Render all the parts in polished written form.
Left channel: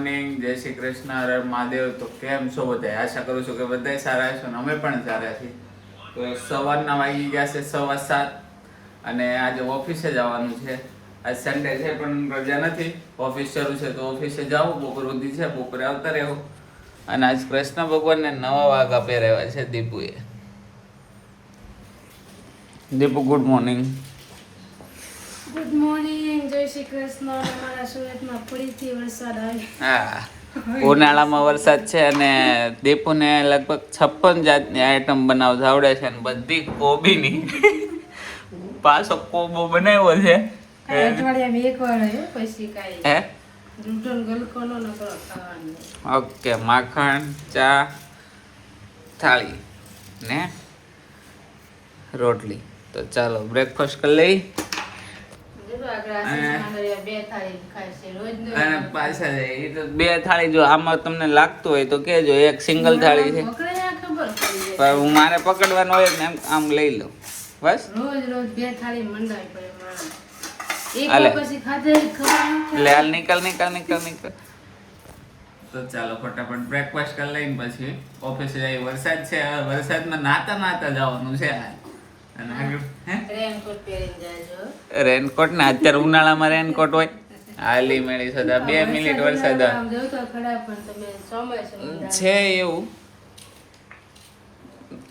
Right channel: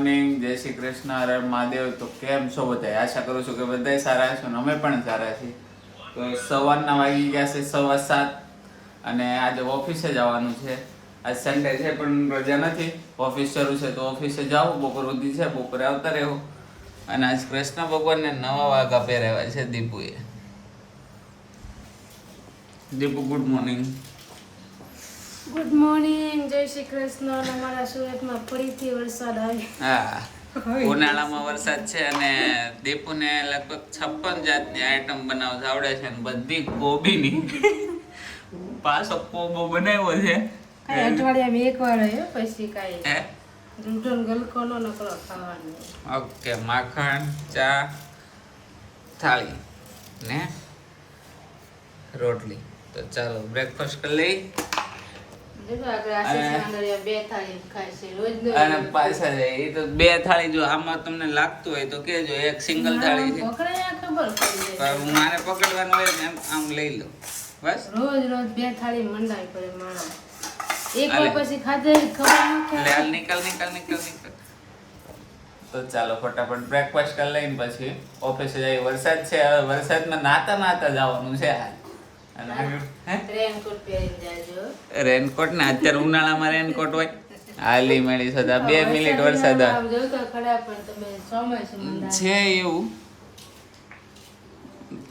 Morning, જય શ્રી કૃષ્ણ, હર હર મહાદેવ. તો કેમ છો બધા? આશા કરું છું કે બધા સારા છો ને અમે પણ સારા છીએ. તો સવારના વાગી ગયા છે 7:15 અને આજે ઓફિસે જવાનું છે. આજ સન્ડે છે પણ રજા નથી, ઓફિસ શરૂ છે તો ઓફિસે જાઉં. બપોર સુધી છે, બપોરે આવતા રહેવું. અને આજ કૃષ્ણ ભગવાનને નવા વાઘા પહેરાવ્યા છે દીપુએ. Deepu good morning. Good morning, જય શ્રી કૃષ્ણ. અમારા સુરતમાં ફરીથી વરસાદ આવે. હા, ઉનાળામાં વરસાદ છે અને દીપુને લગભગ 56 જાતની આઈટમ બનાવતા આવડે છે અને બધી કોબીની પાછો કોબો બનાવ્યો છે. અઠવાડિયામાં એકવાર હે, પછી કાંઈ હે દૂધનો ગલકો નો નકરો ખાવાનો. ઓકે, માખણ, ચા, થાળી ને રોટલી. તો ચાલો બ્રેકફાસ્ટ કરી લઈ અને પાછા જાય. એ તો બે થાળી, જો આમાં તમને લાગતું હોય તો કહેજો. એક સિંગલ થાળી છે પણ હું મારે પકડવાનું હોય ને આમ લઈ લઉં બસ. રોજ રોજ બે થાળી મંડાવી પડે મારા. એક વાર પછી ખાધે ખબર ન લે હાલ, નીકળ. તો ચાલો ફટાફટ બ્રેકફાસ્ટ કરી લઈને પછી ઓફિસે જઈએ. વરસાદ છે, હવે વરસાદમાં નાતા જવાનું છે હાલ. અને આગળ રેનકોટ પહેરીને જાજો. રેનકોટ ને અત્યારે ઉનાળામાં રેનકોટ હોય. હાલી મેળી સદા 2 મિનિટ વરસાદ આમ જોઉં તો ખરા પણ તમે ચોમાસાની છે એવું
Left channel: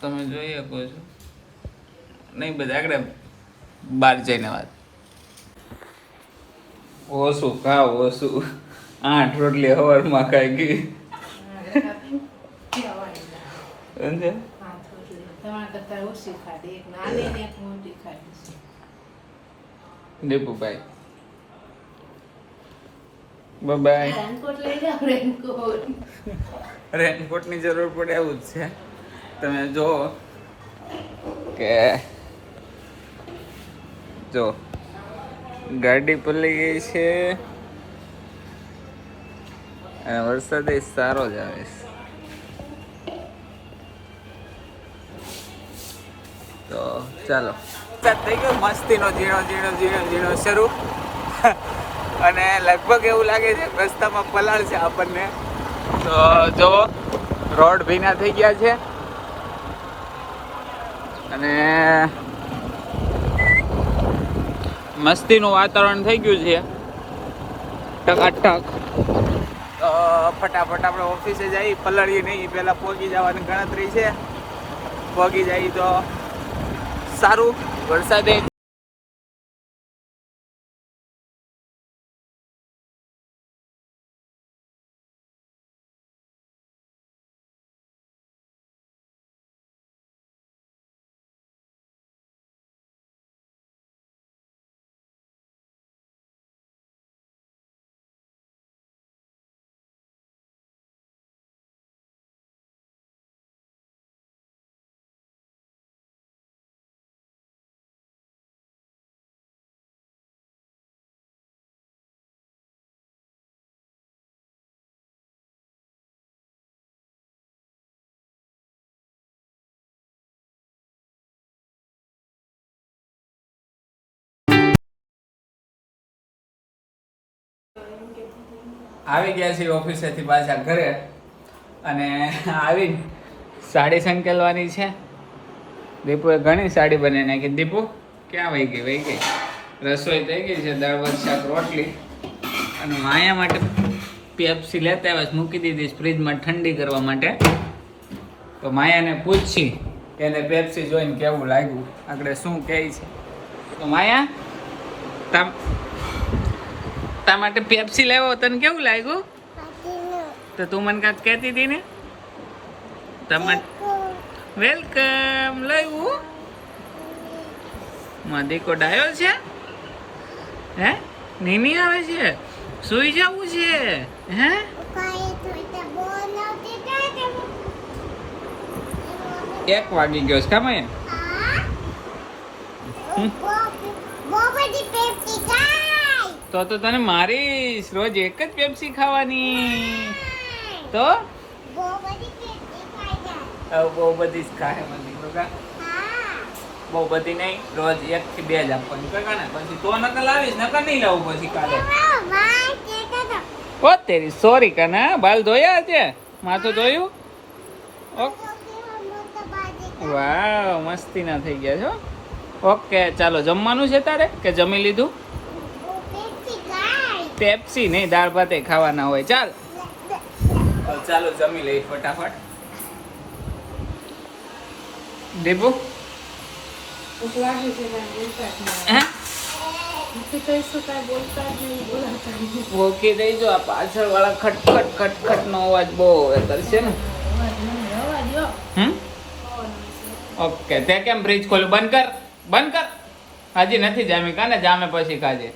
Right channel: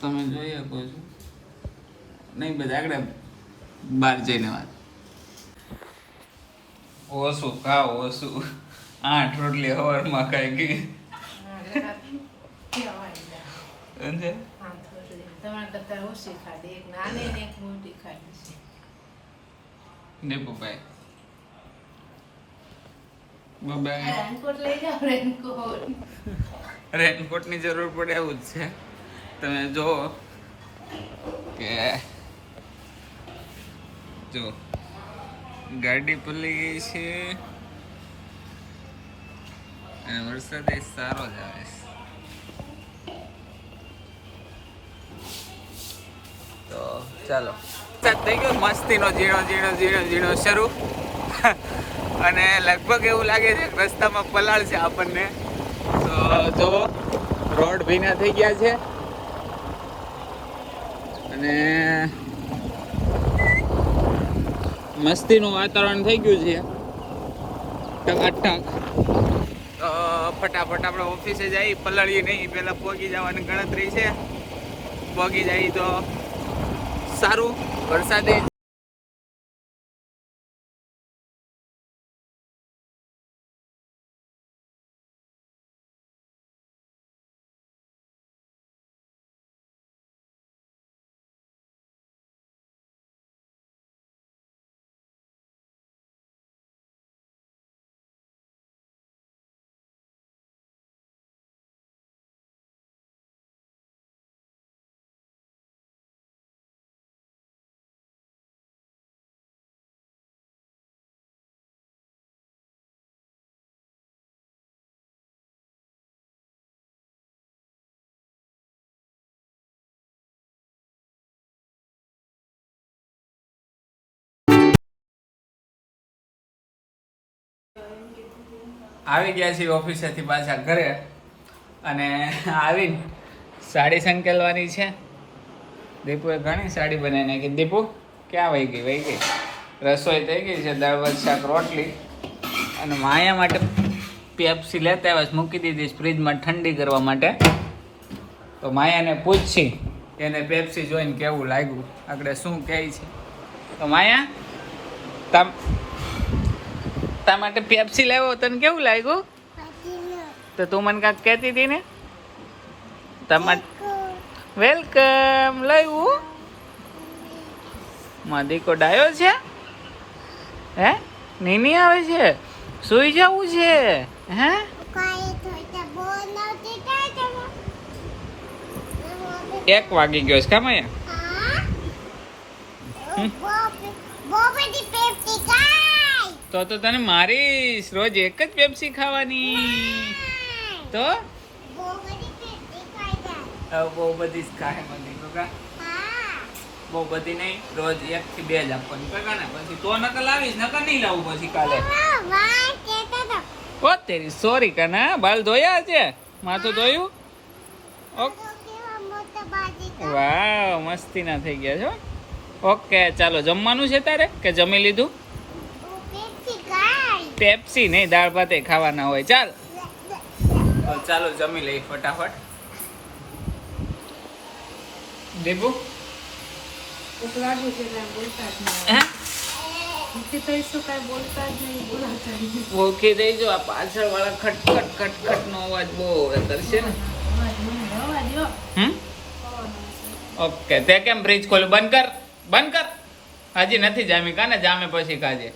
તમે જોઈ શકો છો. નહીં બધા આગળ બહાર જઈને વાત. ઓછું ખાવ, ઓછું 8 રોટલી સવારમાં ખાઈ ગઈ. સમજે? તમારા કરતા ઓછી ખાધી, એક નાની ને એક મોટી ખાધી છે. દીપુભાઈ બાય. રેનકોટ લઈ જાઓ, રેનકોટ. રેનકોટની જરૂર પડે એવું જ છે. તમે જો કે જો ગાડી પલળી ગઈ છે અને વરસાદ એ સારો જ આવે છે. તો ચાલો સ્ટાર્ટ થઈ ગયો મસ્તીનો ઝીણો શરૂ. અને લગભગ એવું લાગે છે કે રસ્તામાં પલાળ છે આપણને. તો જો રોડ ભીના થઈ ગયા છે અને મસ્તીનું વાતાવરણ થઈ ગયું છે ટકાટક. તો ફટાફટ આપણે ઓફિસે જઈ, પલળીએ નહીં, પહેલાં પહોંચી જવાની ગણતરી છે. પહોંચી જાય તો સારું. વરસાદે આવી ગયા છીએ ઓફિસેથી પાછા ઘરે. અને આવીને સાડી સંકેલવાની છે. દીપુએ ઘણી સાડી બનાવી નાખી. દીપુ ક્યાં વહી ગઈ? રસોઈ થઈ ગઈ છે, દાળ ભાત શાક રોટલી. અને માયા માટે પેપ્સી લેતા આવ્યા, મૂકી દીધી ફ્રીજમાં ઠંડી કરવા માટે. તો માયાને પૂછી એને પેપ્સી જોઈને કેવું લાગ્યું, આગળ શું કહે છે. તો માયા તા માટે પેપ્સી લાવ્યો, તને કેવું લાગ્યું? તો તું મને કાંઈક કહેતી હતી ને. તમારે વેલકમ લાવ્યું. માદીકો ડાયો છે. હે નીની આવે છે, સુઈ જવું છે. હે 1 વાગી ગયો છે. કામ તો તને મારીશ. રોજ એક જ પેપ્સી ખાવાની. તો બહુ બધી જ ખાય મને દીકરો. બહુ બધી નહીં, રોજ 1 થી 2 જ આપવાની. પછી તો નકલ લાવીશ, નકલ નહીં લાવું પછી કાલે. ઓ તેરી સોરી કના બાલ ધોયા છે માથું ધોયું વાવ મસ્તી ના થઈ ગયા છો ઓકે ચાલો જમવાનું છે તારે કે જમી લીધું પેપ્સી નહીં દાળ ભાતે ખાવાના હોય ચાલ તો ચાલો જમી લઈ ફટાફટ દીપુ ભૂખ લાગી છે ને બોલતા જ નહીં. હે ભૂખી તો શું કાંઈ બોલતા જ નહીં, બોલાતા જ નહીં. ઓળખી દેજો આ પાછળ વાળા ખટખટ ખટખટ નો અવાજ બહુ કરશે ને અવાજ નહીં, રવા દ્યો. હમ પવન આવે છે. ઓકે તે કેમ ફ્રીજ ખોલ્યું બંધ કર હજી નથી જામી કાને જામે પછી ખાજે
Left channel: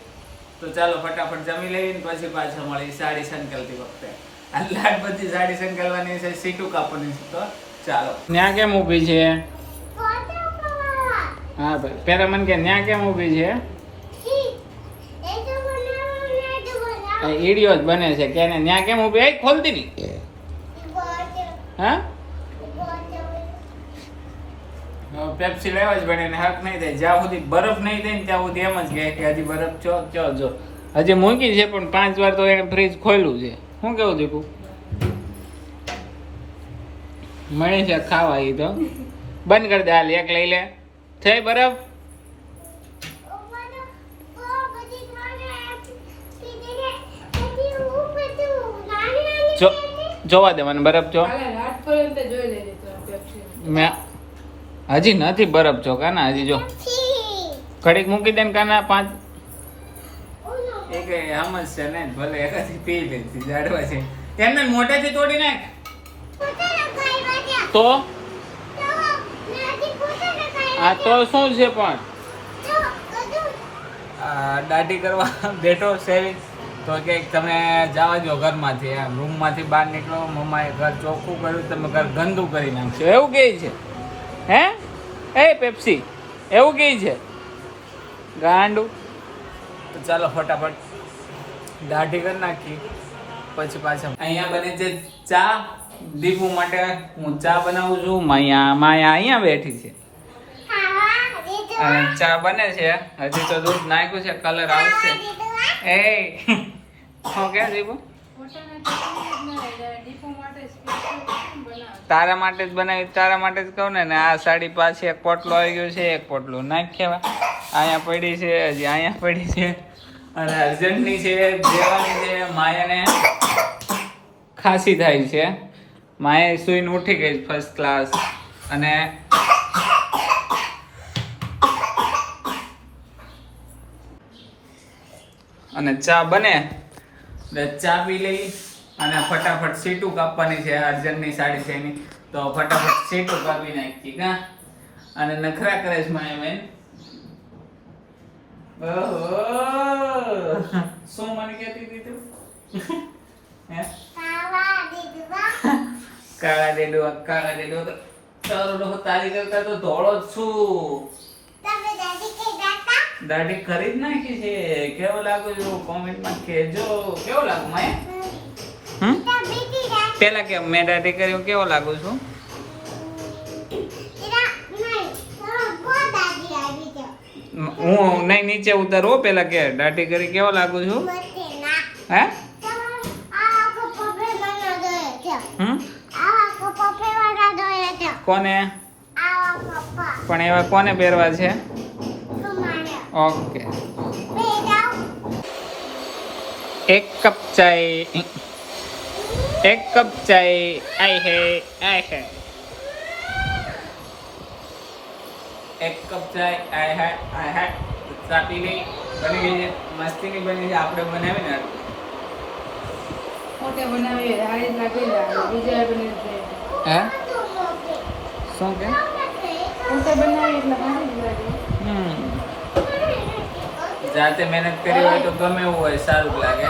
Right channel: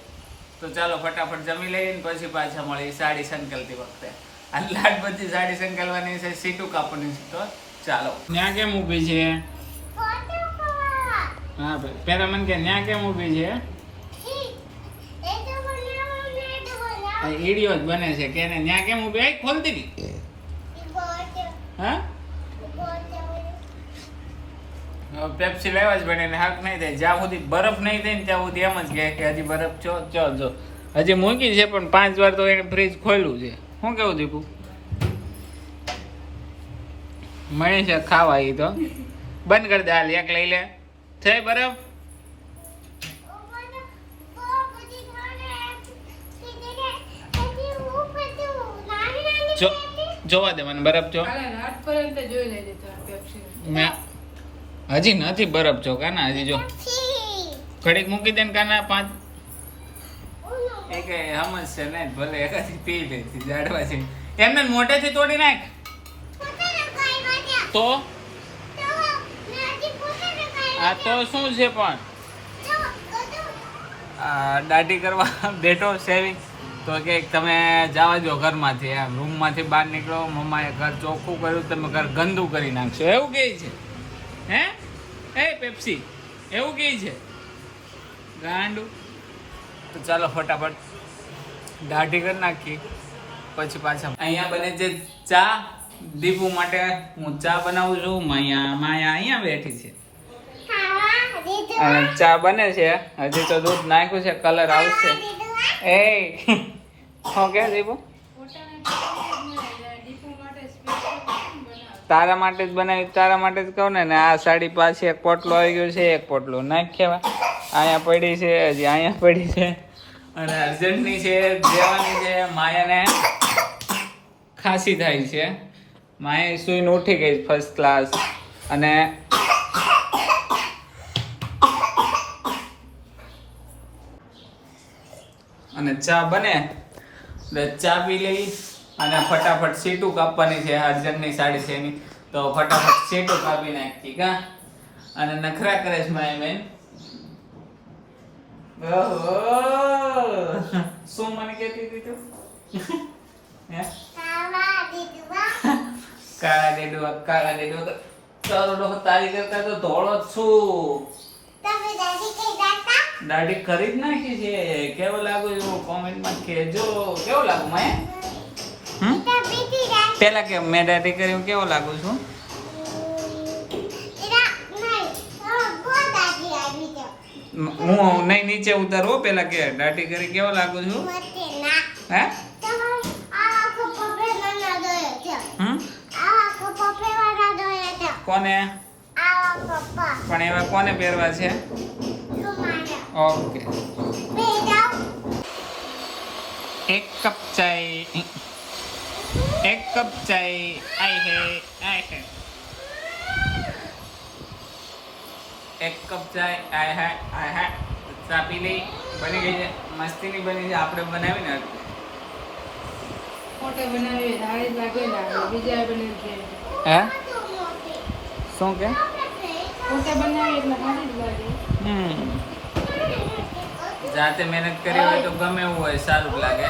તો ચાલો ફટાફટ જમી લઈને પછી પાછા મળી સાડી સંકલતી વખતે આ લાડ બધી સાડી સંકલવાની છે સીટું કાપવાની છે તો ચાલો ન્યા કેમ ઊભી છે હા ભાઈ પેલા મને કે ન્યા કેમ ઊભી છે આ ઈડિયો જ બને છે કે ને ન્યા કેમ ઊભી આઈ ખોલતી નહીં હા પેપ્સી લેવા જ બને ને હક નહીં થાય જ્યાં સુધી બરફ નહીં થાય ને ત્યાં સુધી એમ જ કહે કે હજી બરફ જો હજી મૂકી છે પણ 5 વાર તો એને ફ્રીજ ખોલ્યું છે શું કેવું દીપુ મળે છે ખાવા એ તો બંધ કરી દે હાલ એક લઈ લે થઈ બરફ જોવા દે મને બરફ જો હાલે રાત પર્યંત જોઈ લેજે તો પેપ્સી. મેં હજી નથી બરફ જો કાના હજી જો ઘડીક મૂકી દે ને કાના 5 એક સમજ છે ને ભલે એકાથી પી લેતી જાડવા છે એમને મોઢેથી તોડી નાખ તો આ તો શું છે પણ આ દાઢી કરવા બેઠો સેવિંગ તો કે તમે જવા દો ઘરમાંથી એમ રૂમમાંથી બહાર નીકળો મમ્માએ ઘર ચોખ્ખું કર્યું તમે ઘર ગંદુ કરી નાખશો એવું કહે છે હે એ પેપ્સી એવું કહે છે ગાંડું તો ચાલો ફટાફટ દાઢી કરી નાખી પછી પાછા અહીંયા બને છે ચા દીપુ માટે હું ચા બનાવું છું માયા અહીંયા બેઠી છે અને ચા બને છે હજી તો દૂધ નાખ્યું છે કલર આવશે એ શું કે દીપુ તારા માટે જ બનાવી તારા માટે જ કહું ને આ સાડી પાછી એક પોટલો આવી ગયો છે એક પોટલો નાખ્યા અહીંયા પડી છે હજી અહીંયા પડી છે અને અર્જન્ટની છે દેવાની છે માયાને ખાંસી થાય છે માયા સુઈને ઉઠી ગઈ ફર્સ્ટ ક્લાસ અને ચા બને એટલે ચા પી લઈ અને ફટાફટ સીટું કાપવાની છે અર્જન્ટની સાડી છે એની તો ફટાફટ સીટું કાપી નાખી કા અને નખરા કરે છે મારી બેન ઓહો શું મને કહેતી હતી તું હે કાળા ડેડો તો તારો લોકો તારી કરતા તો ધોળો જ છું દાઢી કરી જ નાખી છે કેવો લાગુ છું કોમેન્ટમાં કહેજો કેવો લાગુ માયા પેલા કે મેં દાઢી કરી કેવો લાગુ છું હું નહીં નીચે ઉતારો પેલા કે દાઢી કરી કેવો લાગુ છું હે કોને પણ એવા કોને પહેરવા છે ઓકે એક કપ ચાય આય હે એક કપ ચાય આય હે ચા પી લઈ બની ગઈ છે મસ્તીની બની છે આપણે બનાવી ને પોતે બનાવીએ હારી જ લાગે ને બીજા બની છે હે શું કે પોતે બનાવીએ એટલે હારી જ લાગે. જાતે મહેનત કરી હોય તો ગમે એવું હોય સારું લાગે.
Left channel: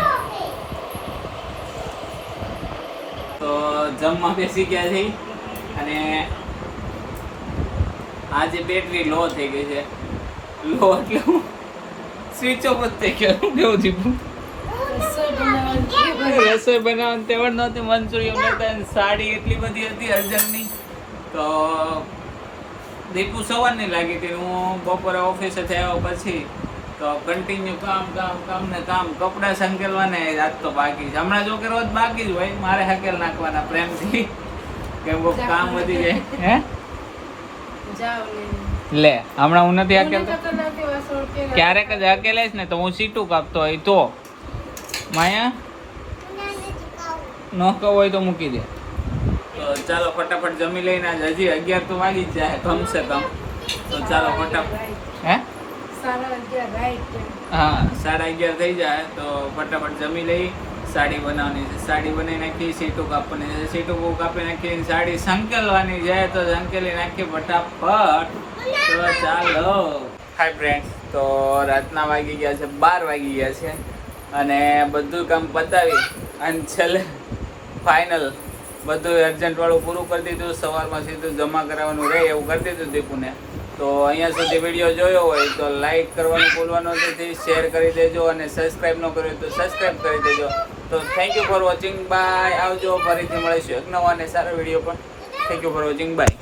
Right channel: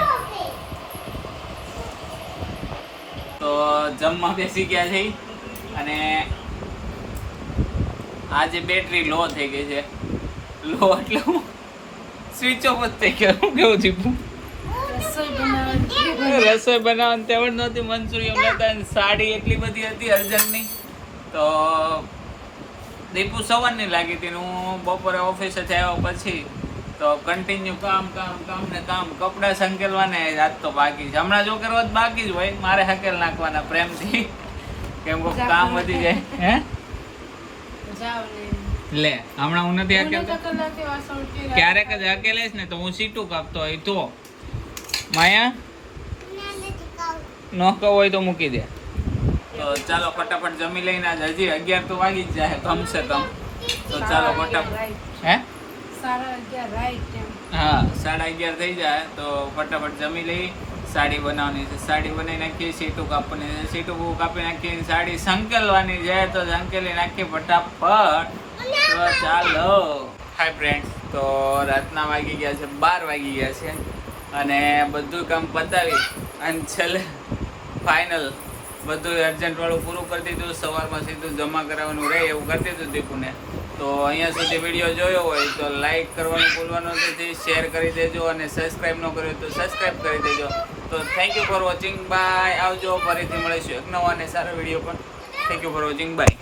તો જમવા બેસી ગયા છે અને આજે બેટરી લો થઈ ગઈ છે. લો એટલે સ્વિચ ઓફ જ થઈ ગયો. કેવું થયું? રસોઈ બનાવવાની તેવડ નહોતી, મંચુરિયન લેતા સાડી એટલી બધી હતી અર્જન્ટની. તો દીપુ સવારની લાગી હતી. હું બપોરે ઓફિસેથી આવ્યો પછી તો તો કન્ટિન્યુ કામ ને કામ. કપડાં સંકેલવાને આજ તો બાકી છે. હમણાં જો કરવા બાકી જ હોય, મારે હકેલ નાખવાના પ્રેમથી, કેમ કે કામ વધી જાય. હે જાવ ને લે, હમણાં હું નથી મને હકેલતો. તો કલાકે વાસણ કર્યા. ક્યારેક જ હકેલેશ ને તો હું સીટું કાપતો હોય તો. માયા ન કહો હોય તો મૂકી દે. તો ચાલો ફટાફટ જમી લઈને, આજ હજી 11 તો વાગી જ જાય કમસે કમ. તો ચાલો ફટાફટ. હે 11:30 રાઈટ એમ. હા 11:30 થઈ જાય તો ફટાફટ જમી લઈ. સાડી બનાવવાની છે, સાડી બનાવી નાખી. સીટું કાપવાની છે, સીટું કાપી નાખી. સાડી સંકેલવાની છે તો સંકેલી નાખી ફટાફટ. તો ચાલો. હાય ફ્રેન્ડ્સ, તો રાતના વાગી ગયા છે 12 વાગી ગયા છે અને બધું કામ પતાવી અને છેલ્લે ફાઇનલ બધું અર્જન્ટ વાળું પૂરું કરી દીધું. સવારમાં સીધું જમા કરાવવાનું રહે એવું કરી દીધું દીપુને. તો અહીંયા સુધી વિડીયો જોયો હોય તો લાઈક કરવાનું ભૂલવાનું નથી, શેર કરી દેજો અને સબસ્ક્રાઈબ ન કર્યું તો સબસ્ક્રાઈબ કરી દેજો. તો thank you for watching, bye. આવજો, ફરીથી મળીશું એક નવા અને સારા વિડીયો પર. Thank you for watching, by.